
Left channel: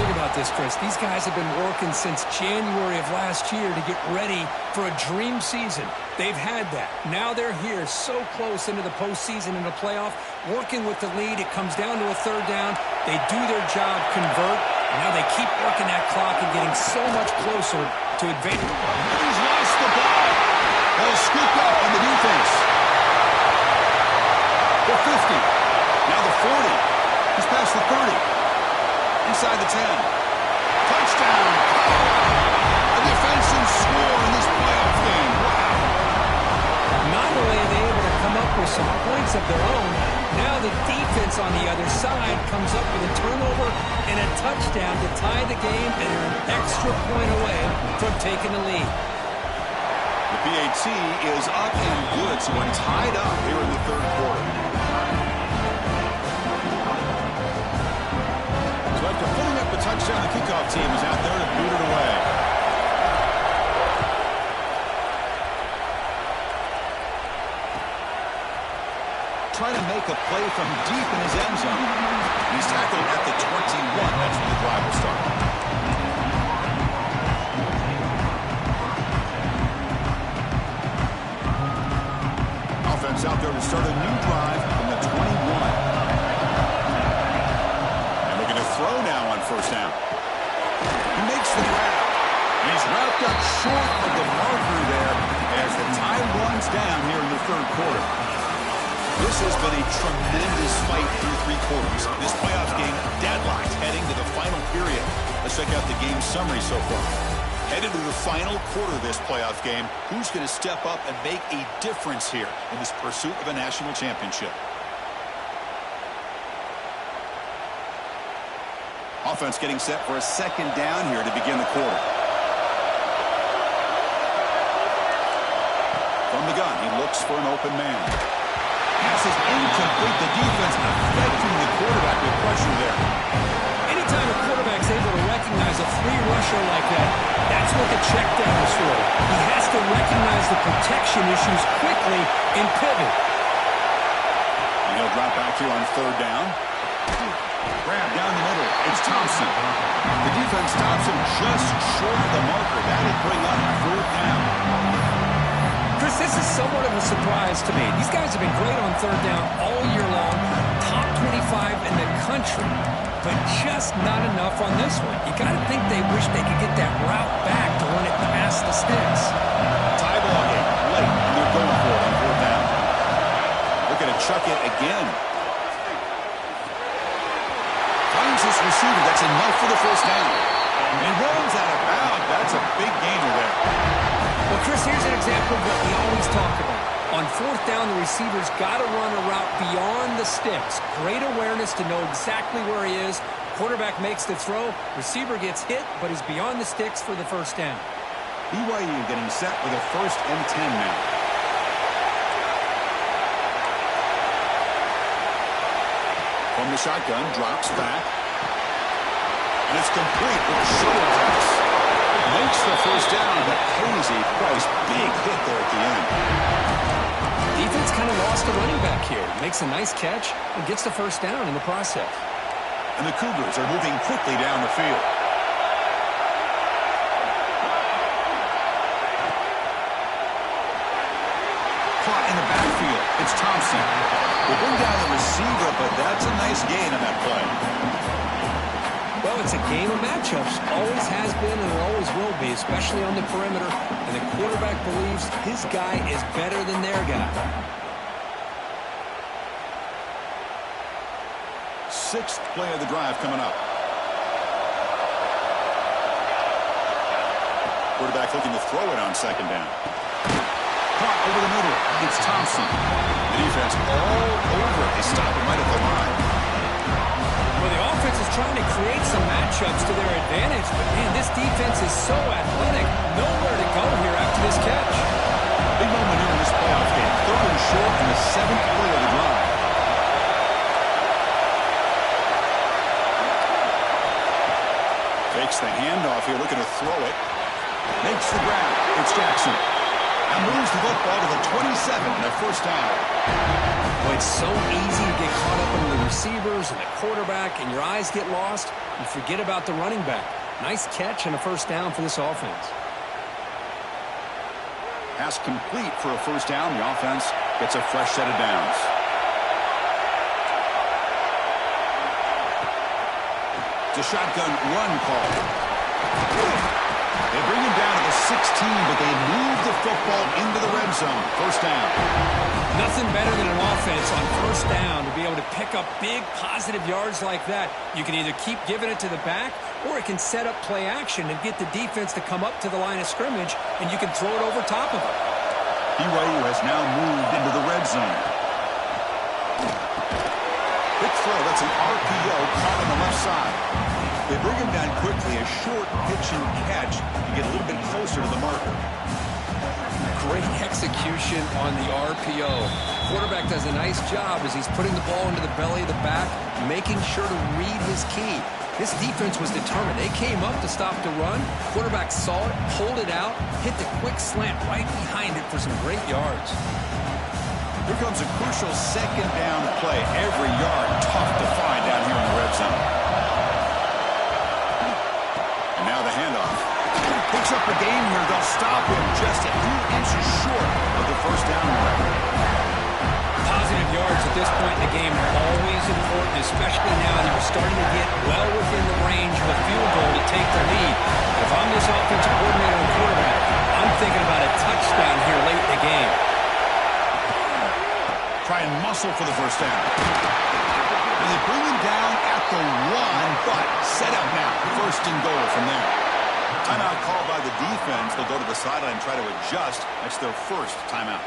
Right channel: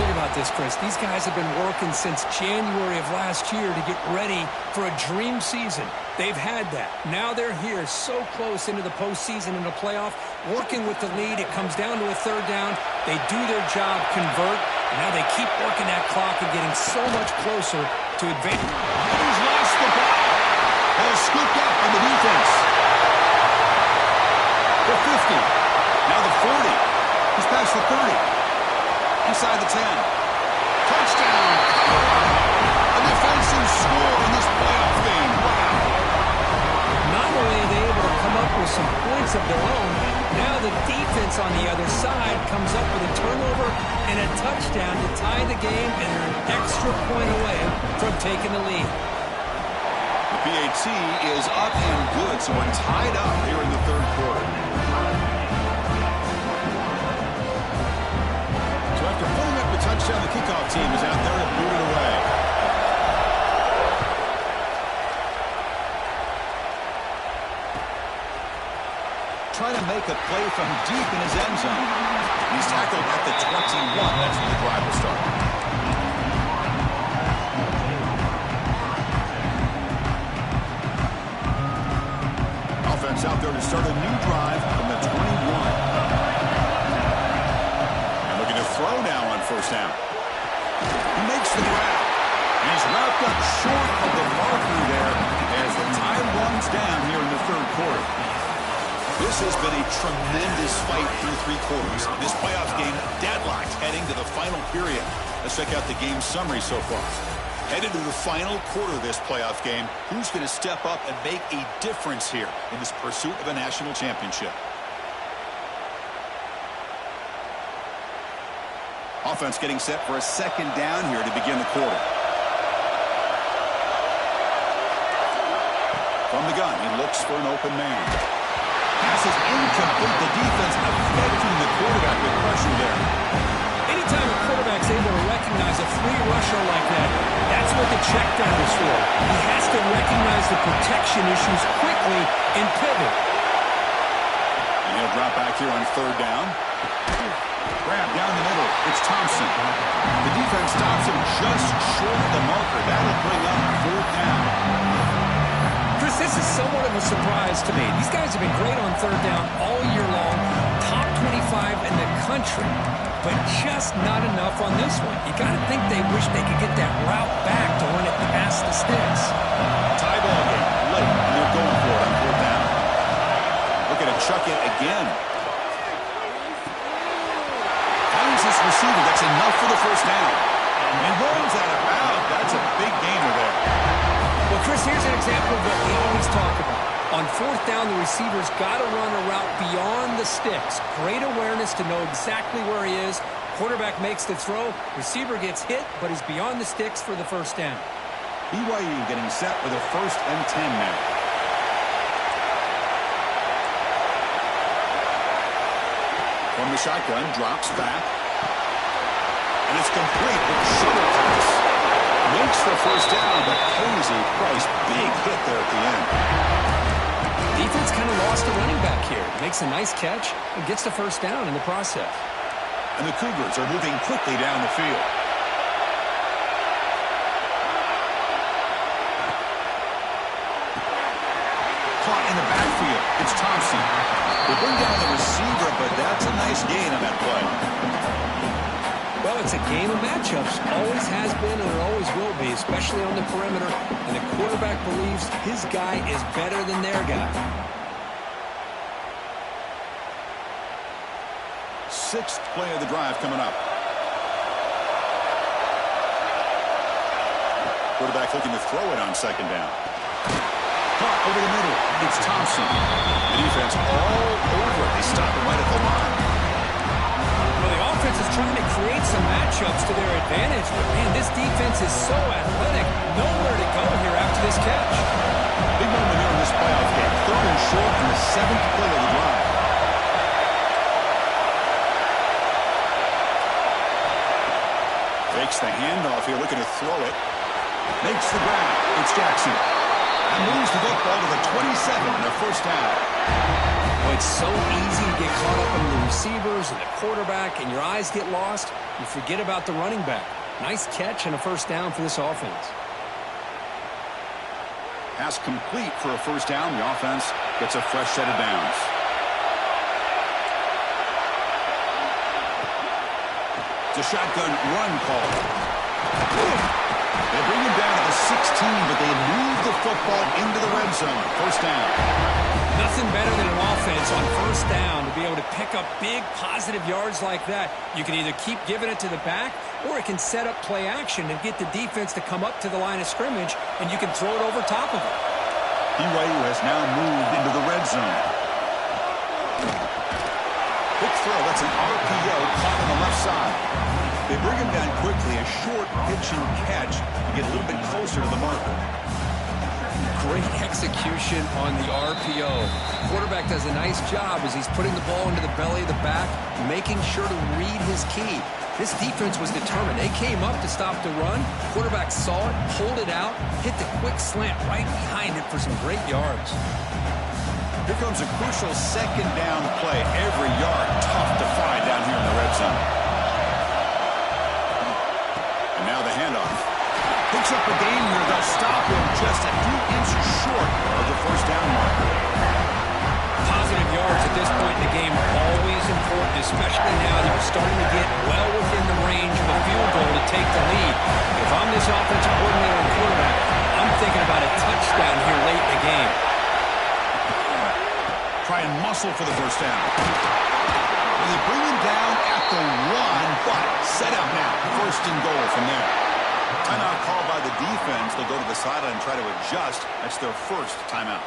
Think about this, Chris. These guys have been working since January of last year to get ready for a dream season. They've had that. Now they're here so close into the postseason and the playoff, working with the lead. It comes down to a third down. They do their job, convert, and now they keep working that clock and getting so much closer to advance. And he's lost the ball. Ball scooped up on the defense. The 50. Now the 40. He's past the 30. Inside the 10. Touchdown, Colorado. A defensive score in this playoff game. Wow. Not only are they able to come up with some points of their own, now the defense on the other side comes up with a turnover and a touchdown to tie the game, and they're an extra point away from taking the lead. The PAT is up and good, so we're tied up here in the third quarter. So after pulling up the touchdown, the kickoff team is out there to boot it away. Trying to make a play from deep in his end zone. He's tackled at the 21. That's where the drive will start. Offense out there to start a new drive from the 21. first down. He makes the grab. And he's wrapped up short of the marker there as the time runs down here in the third quarter. This has been a tremendous fight through three quarters. This playoff game deadlocked heading to the final period. Let's check out the game summary so far. Headed to the final quarter of this playoff game, who's going to step up and make a difference here in this pursuit of a national championship? Offense getting set for a second down here to begin the quarter. From the gun, he looks for an open man. Pass is incomplete. The defense affecting the quarterback with pressure there. Anytime a quarterback's able to recognize a free rusher like that, that's what the check down is for. He has to recognize the protection issues quickly and pivot. And he'll drop back here on third down. Grab down the middle. It's Thompson. The defense stops him just short of the marker. That'll bring up fourth down. Chris, this is somewhat of a surprise to me. These guys have been great on third down all year long. Top 25 in the country. But just not enough on this one. You got to think they wish they could get that route back to run it past the sticks. Tie ball game late, and they're going for it on fourth down. Looking to chuck it again. Finds this receiver. That's enough for the first down. And rolls out of bounds. That's a big gainer there. Well, Chris, here's an example of what we always talk about. On fourth down, the receiver's got to run a route beyond the sticks. Great awareness to know exactly where he is. Quarterback makes the throw. Receiver gets hit, but he's beyond the sticks for the first down. BYU getting set with a 1st and 10 now. From the shotgun, drops back. And it's complete with a shuttle pass. Makes the first down, but pays a price. Big hit there at the end. Defense kind of lost a running back here. Makes a nice catch and gets the first down in the process. And the Cougars are moving quickly down the field. Caught in the backfield. It's Thompson. They bring down the receiver, but that's a nice gain on that play. Well, it's a game of matchups. Always has been and it always will be, especially on the perimeter. And the quarterback believes his guy is better than their guy. 6th play of the drive coming up. Quarterback looking to throw it on second down. Caught over the middle. It's Thompson. The defense all over. They stop him right at the line. Well, the offense is trying to create some matchups to their advantage, but, man, this defense is so athletic. Nowhere to go here after this catch. Big moment here in this playoff game. 3rd and short in the 7th play of the drive. Fakes the handoff here, looking to throw it. Makes the grab. It's Jackson. And moves the football to the 27 and a first down. Well, it's so easy to get caught up in the receivers and the quarterback, and your eyes get lost. You forget about the running back. Nice catch and a first down for this offense. Pass complete for a first down. The offense gets a fresh set of downs. It's a shotgun run call. They bring him down to the 16, but they move the football into the red zone. First down. Nothing better than an offense on first down to be able to pick up big positive yards like that. You can either keep giving it to the back, or it can set up play action and get the defense to come up to the line of scrimmage, and you can throw it over top of it. BYU has now moved into the red zone. Quick throw. That's an RPO caught on the left side. They bring him down quickly. A short pitch and catch to get a little bit closer to the marker. Great execution on the RPO. Quarterback does a nice job as he's putting the ball into the belly of the back, making sure to read his key. This defense was determined. They came up to stop the run. Quarterback saw it, pulled it out, hit the quick slant right behind it for some great yards. Here comes a crucial second down play. Every yard tough to find down here in the red zone. And now the handoff. Picks up a game here. They'll stop him just a few inches short of the first down marker. Positive yards at this point in the game are always important. especially now that you're starting to get well within the range of a field goal to take the lead. If I'm this offensive coordinator and quarterback, I'm thinking about a touchdown here late in the game. Try and muscle for the first down. And they bring him down at the 1, but set up now. First and goal from there. Timeout called by the defense. They'll go to the sideline and try to adjust. That's their first timeout.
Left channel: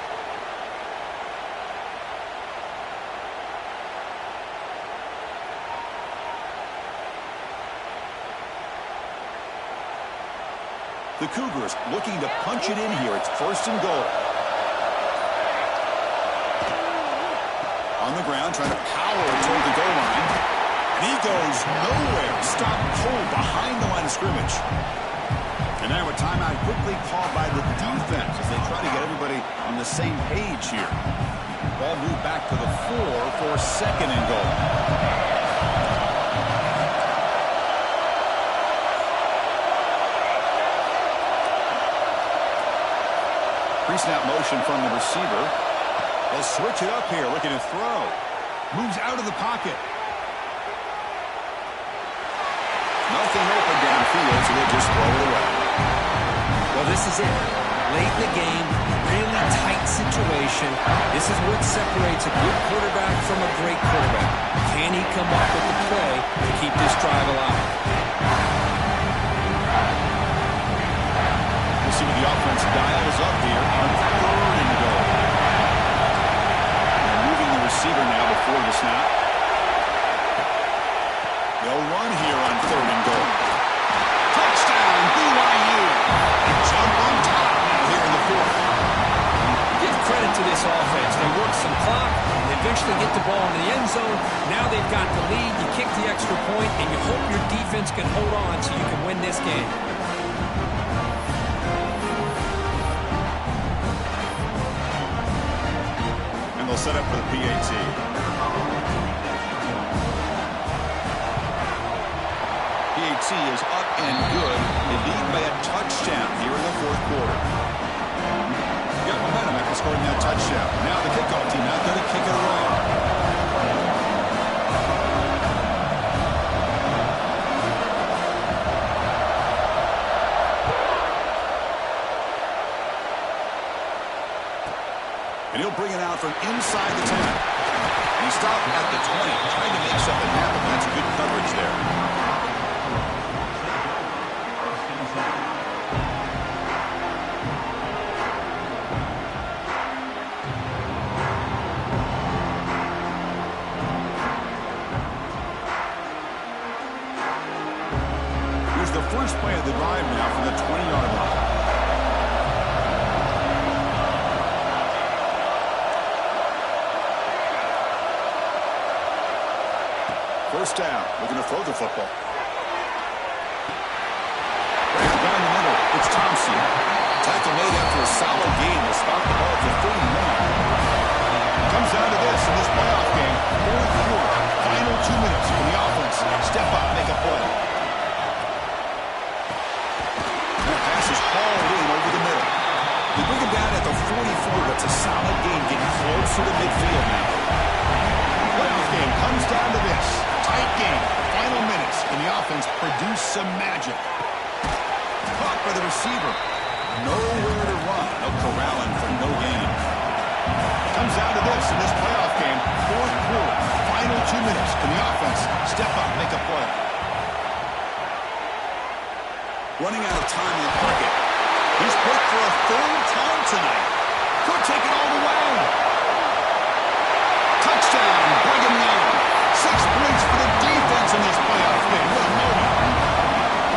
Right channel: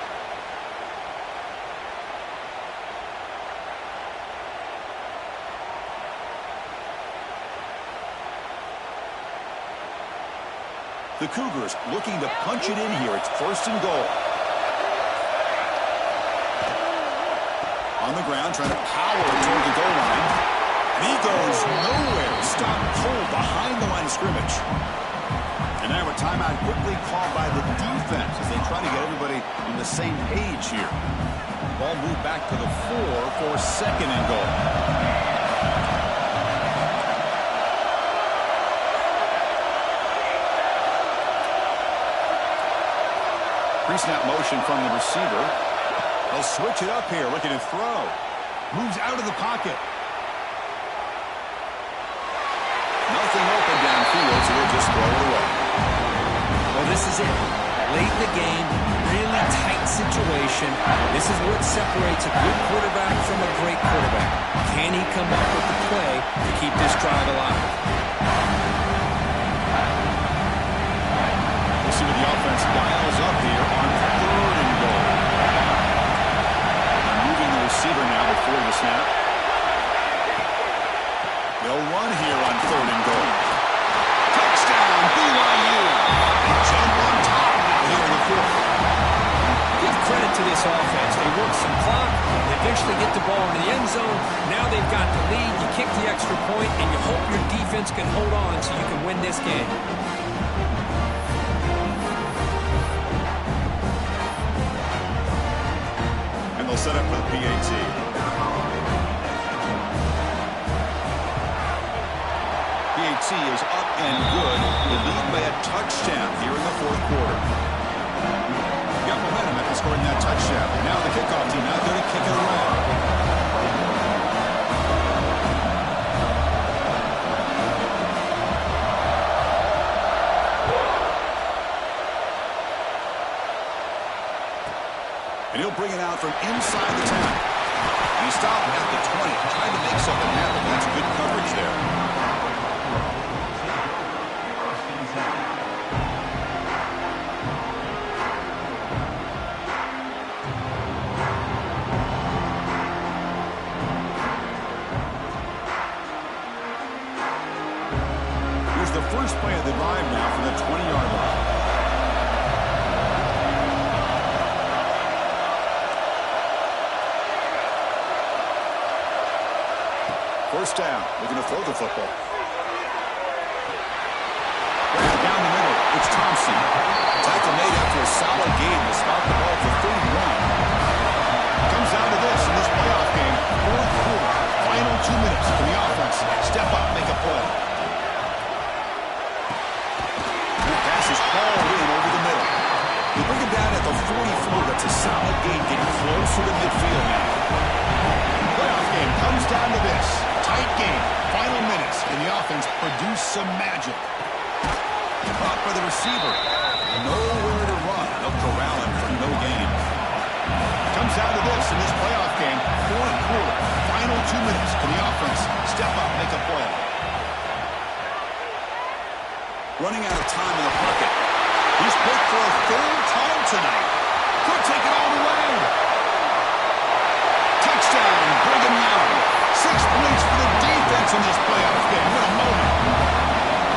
The Cougars looking to punch it in here. It's first and goal. On the ground, trying to power toward the goal line. And he goes nowhere. Stopped cold behind the line of scrimmage. And now a timeout quickly called by the defense as they try to get everybody on the same page here. Ball moved back to the 4 for second and goal. Pre-snap motion from the receiver. They'll switch it up here, looking to throw. Moves out of the pocket. Nothing open downfield, so they'll just throw it away. Well, this is it. Late in the game, really tight situation. This is what separates a good quarterback from a great quarterback. Can he come up with the play to keep this drive alive? We'll see what the offense dials up here on third and goal. They're moving the receiver now before the snap. They'll run here on third and goal. Touchdown, BYU. They jump on top now here in the fourth. Give credit to this offense. They work some clock. They eventually get the ball in the end zone. Now they've got the lead. You kick the extra point, and you hope your defense can hold on so you can win this game. And they'll set up for the PAT. PAT is up and good. They lead by a touchdown here in the fourth quarter. You got momentum after scoring that touchdown. Now the kickoff team out there to kick it away. And he'll bring it out from inside the 10. And he stopped at the 20, trying to make something happen. That's good coverage there. Here's the first play of the drive now from the 20-yard line. First down, looking to throw the football. Down the middle, it's Thompson. Tackle made after a solid gain. They'll spot the ball at the 31. Comes down to this in this playoff game. Fourth quarter, final 2 minutes. Can the offense step up, make a play? That pass is hauled in over the middle. They bring him down at the 44. That's a solid gain, getting closer to midfield now. Playoff game comes down to this. Tight game, final minutes, and the offense produced some magic. Caught by the receiver. Nowhere to run. They'll corral him for no gain. Comes down to this in this playoff game. Fourth quarter, final 2 minutes. Can the offense step up, make a play? Running out of time in the pocket. He's picked for a third time tonight. Could take it all the way. Touchdown, Brigham Young. 6 points for the defense in this playoff game. What a moment.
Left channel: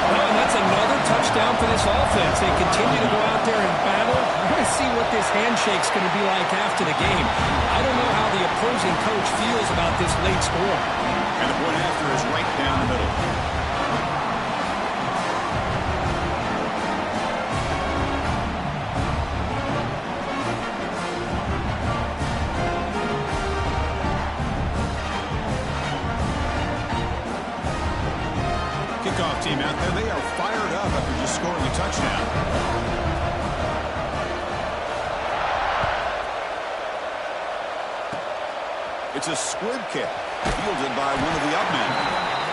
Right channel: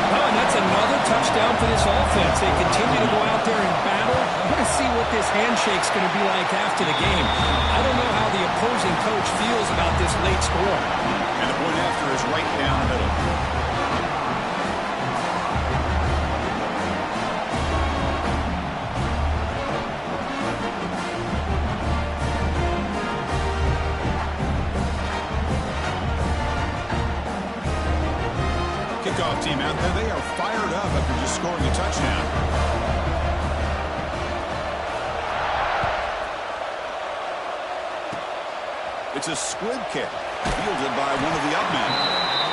Well, and that's another touchdown for this offense. They continue to go out there and battle. I want to see what this handshake's going to be like after the game. I don't know how the opposing coach feels about this late score. And the point after is right down the middle. Kickoff team out there, they are fired up after just scoring a touchdown. It's a squib kick. Fielded by one of the up men.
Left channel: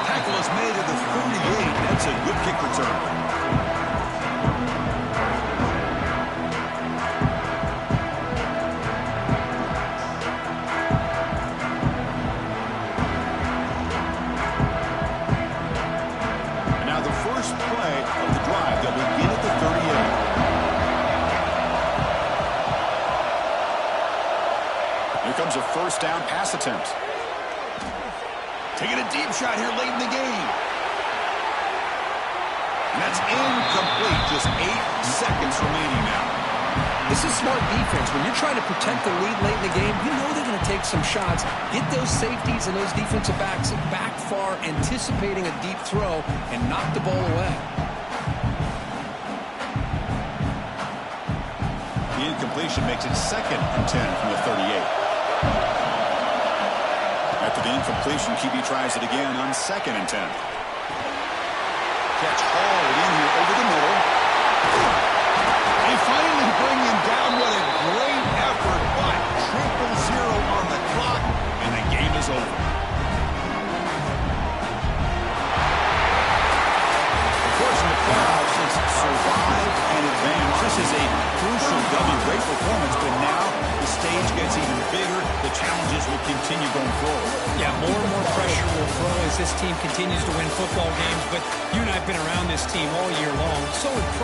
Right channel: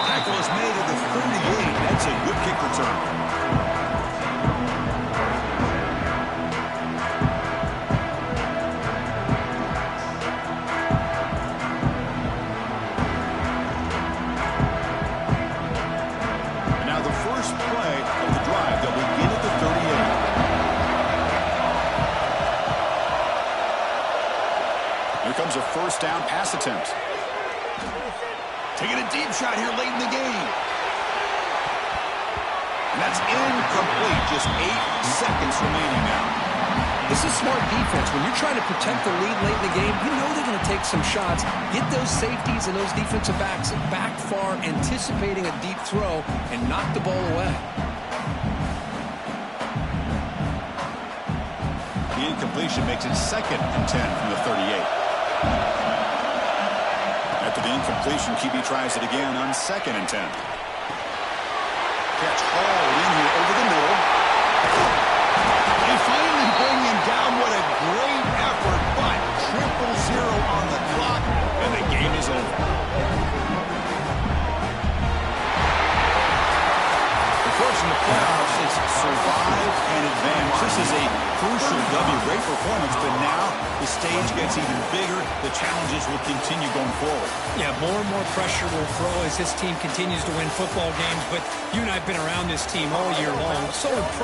Tackle is made at the 38. That's a good kick return. Play of the drive. They'll begin at the 38. Here comes a first down pass attempt. Taking a deep shot here late in the game. And that's incomplete. Just 8 seconds remaining now. This is smart defense. When you're trying to protect the lead late in the game, you know they're going to take some shots. Get those safeties and those defensive backs back far, anticipating a deep throw, and knock the ball away. The incompletion makes it 2nd and 10 from the 38. After the incompletion, QB tries it again on 2nd and 10. Catch hauled in here over the middle. They finally bring him down. What a great effort, but 0-0 on the clock, and the game is over. Of course, in the playoffs, it's survive and advance. This is a crucial W. Great performance, but now the stage gets even bigger. The challenges will continue going forward. Yeah, more and more pressure will grow as this team continues to win football games, but you and I have been around this team all year long. So impressed.